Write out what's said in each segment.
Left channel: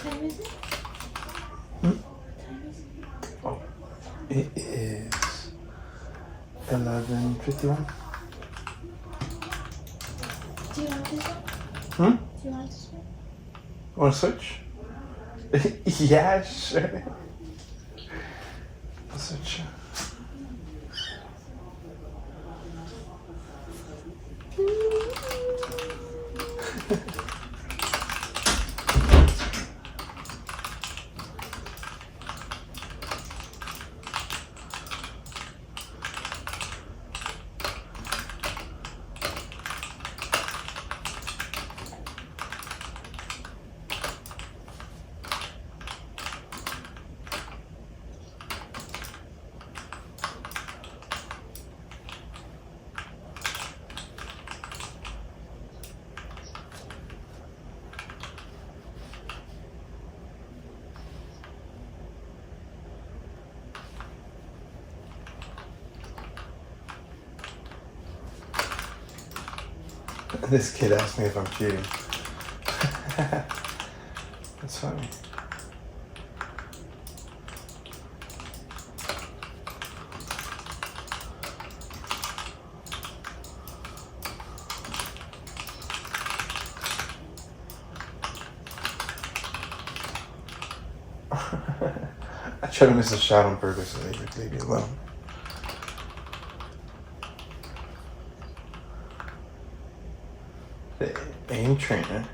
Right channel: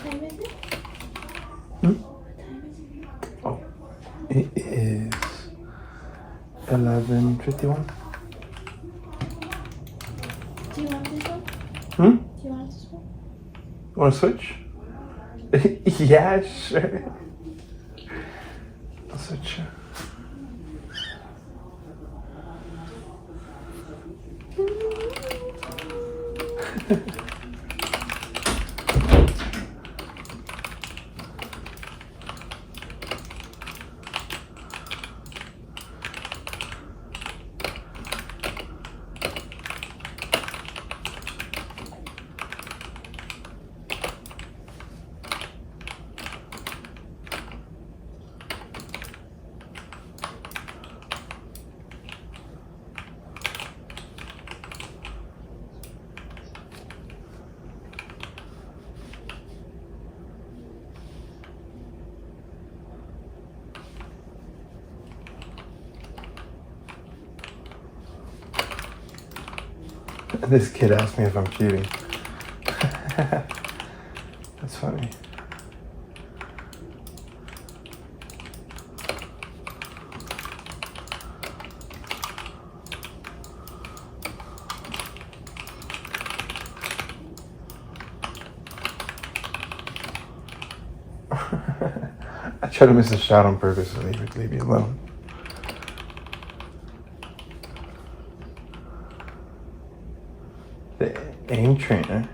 time is it? Hmm? What time is it? Oh, it is 11:51. Do you want this one? Hmm? Do you want this one? Want to switch? Yeah, sure. I'll switch. This kid asked me if I'm cheating. That's funny. I try to miss a shot on purpose so they would leave me alone. The aim trainer.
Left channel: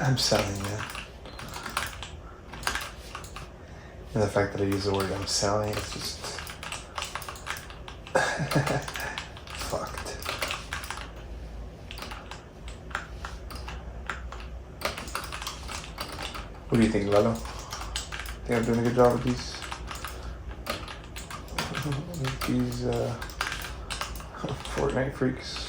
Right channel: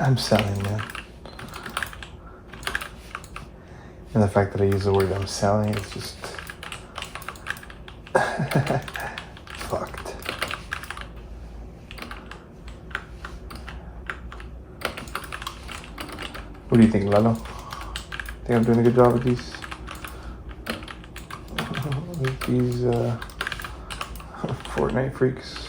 I'm selling, man. And the fact that I use the word I'm selling is just fucked. What do you think, Lalo? Think I'm doing a good job with these? With these Fortnite freaks?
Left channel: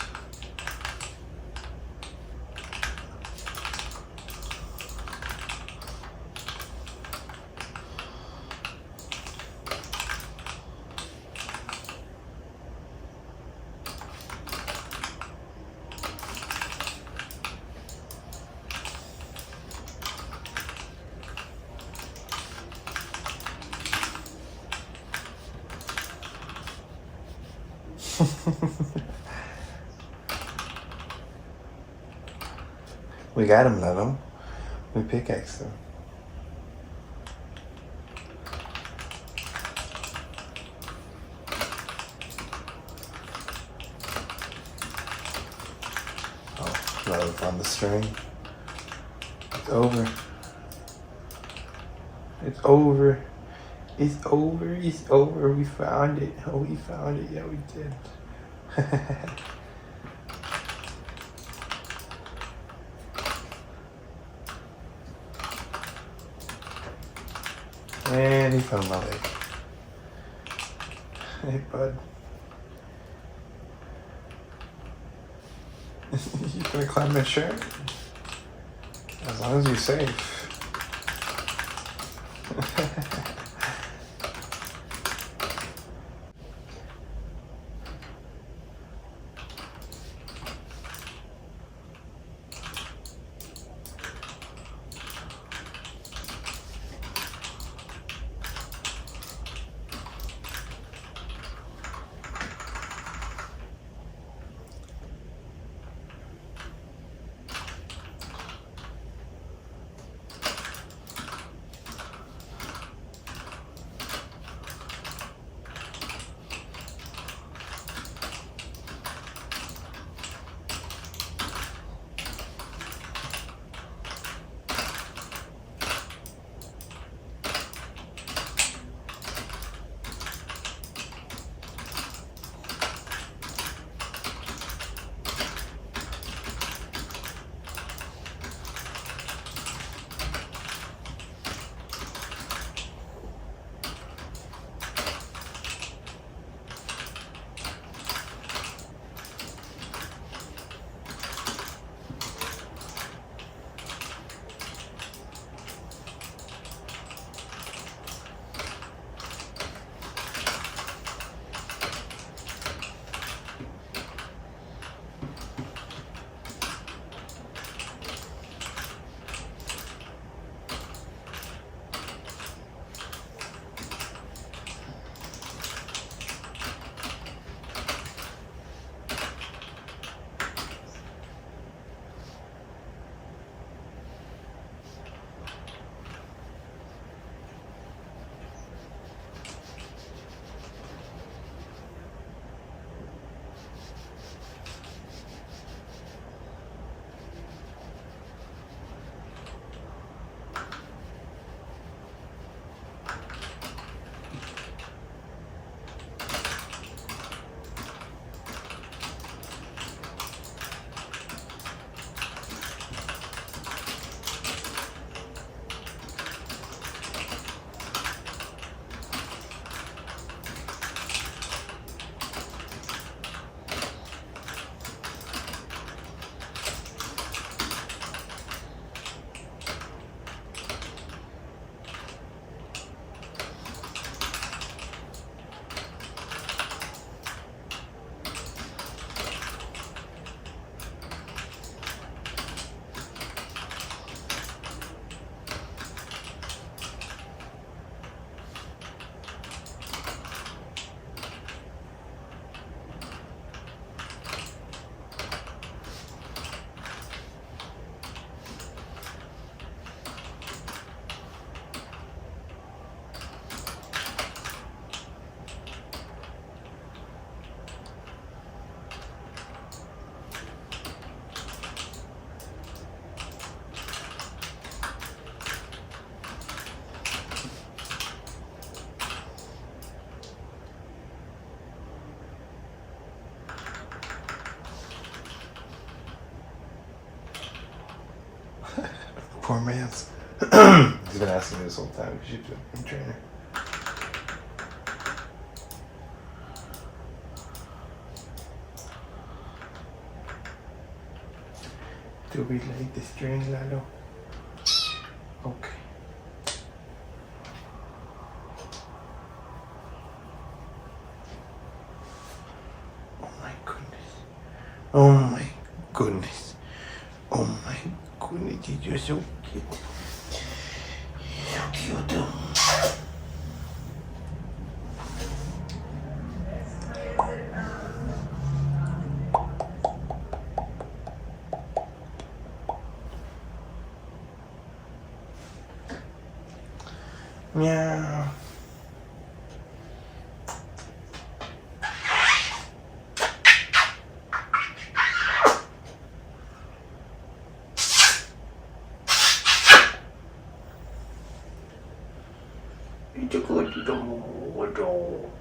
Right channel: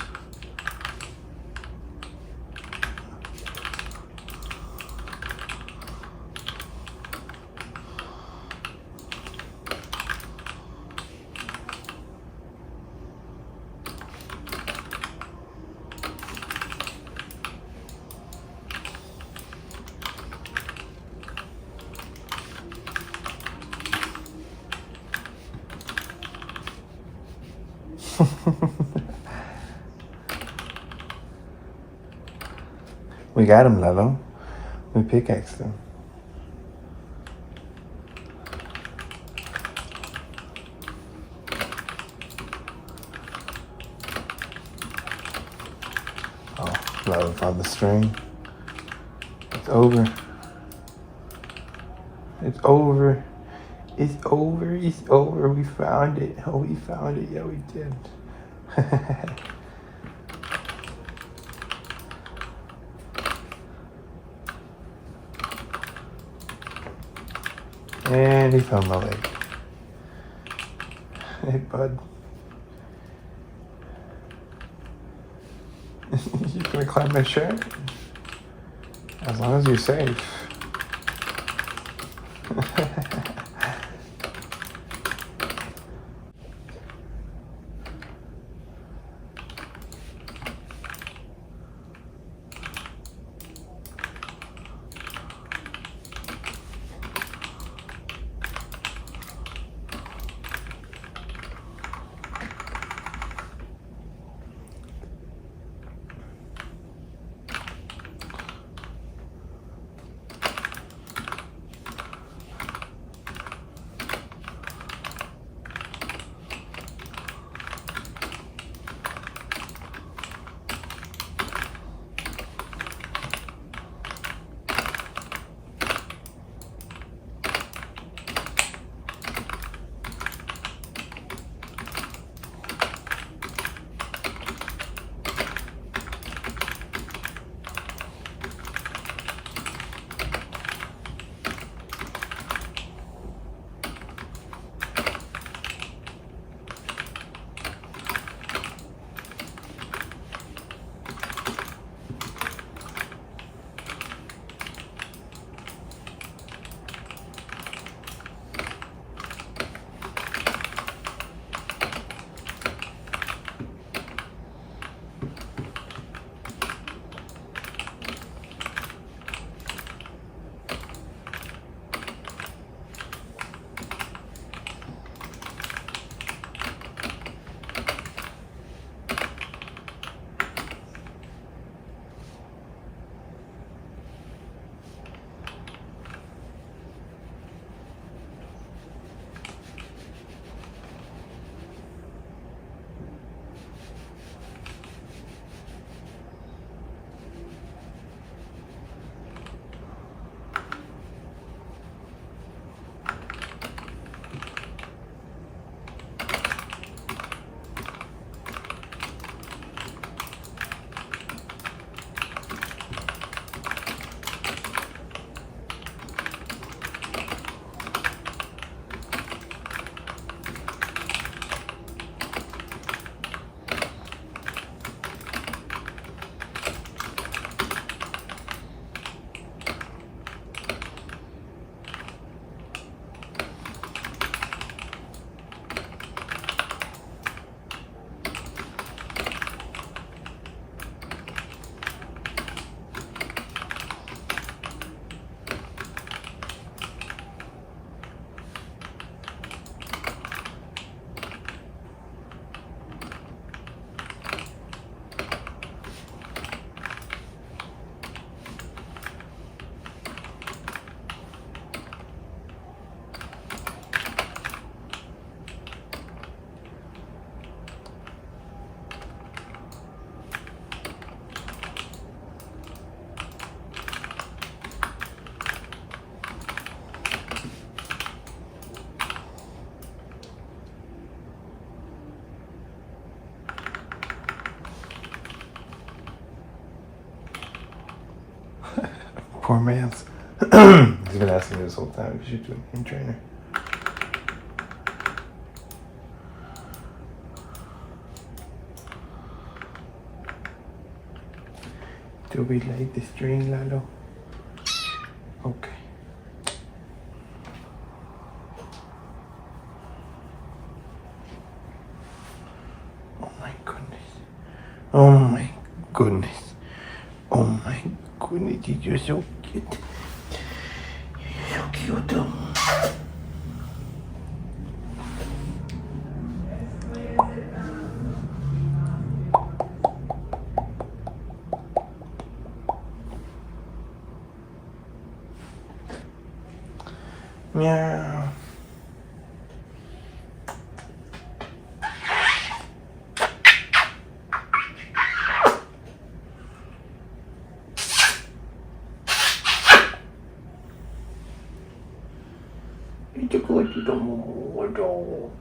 We got him, Lalo. We pickaxed him. Oh, Lalo found the string. It's over. It's over. It's over. It's over. We found it. Oh, we found it. Yeah, we did. And he found my leg. Hey, bud. You gonna climb my shirt? As long as you're safe. Poor man's. He's been asking me this whole time. You should be a trainer. Do we like the string, Lalo? Okay. Oh my goodness. Oh my goodness. Oh my goodness. You're so cute. You're so cute. Meow. It's a good dog.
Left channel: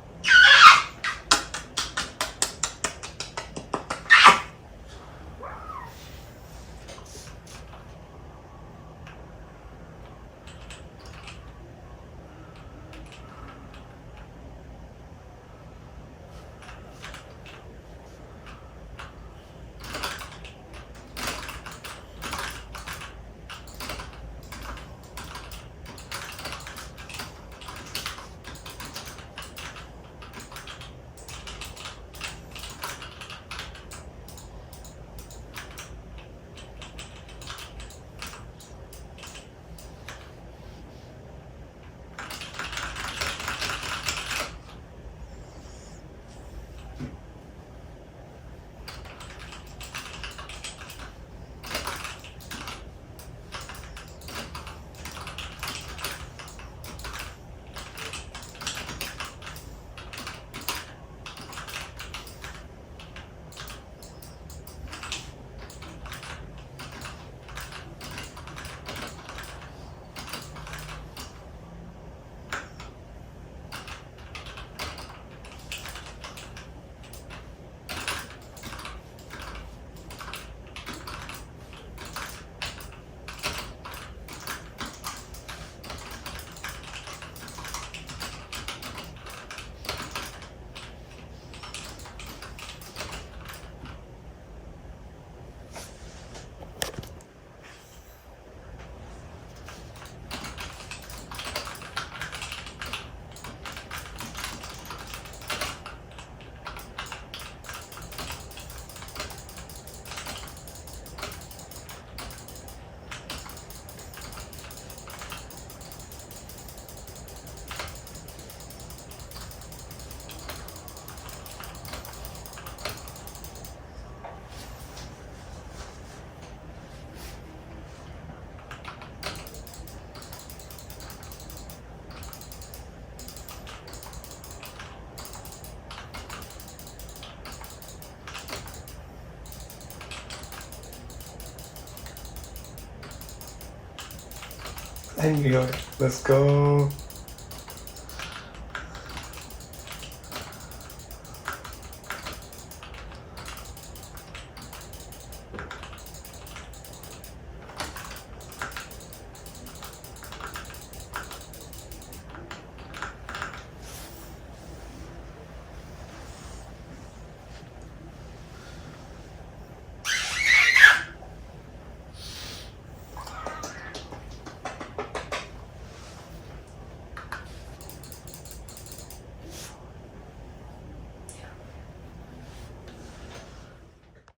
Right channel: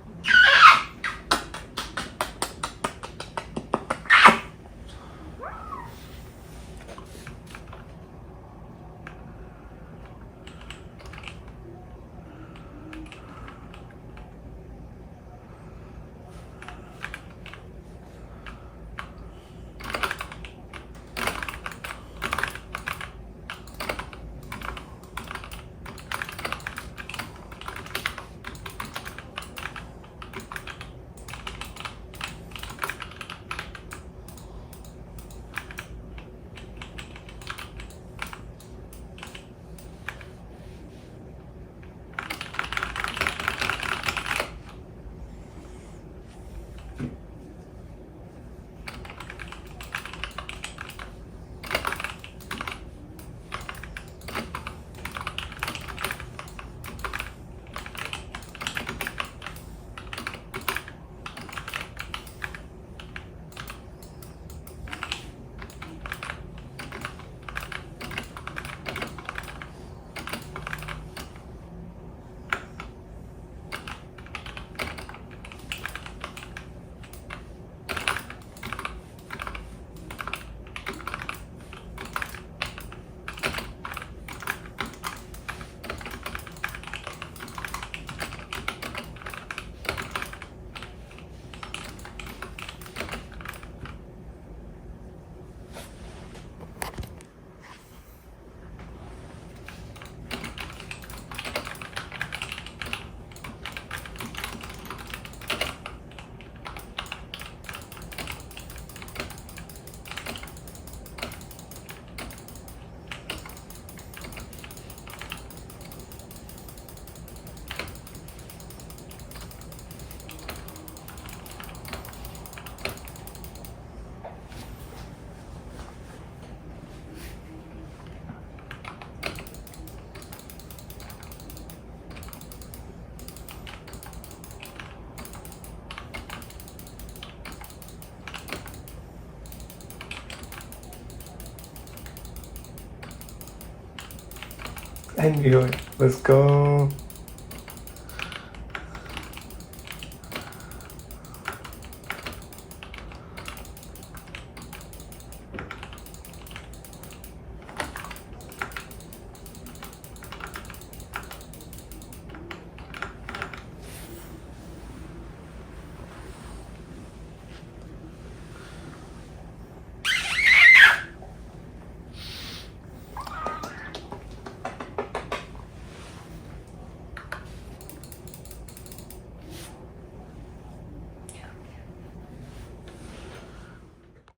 And we are. Let's go.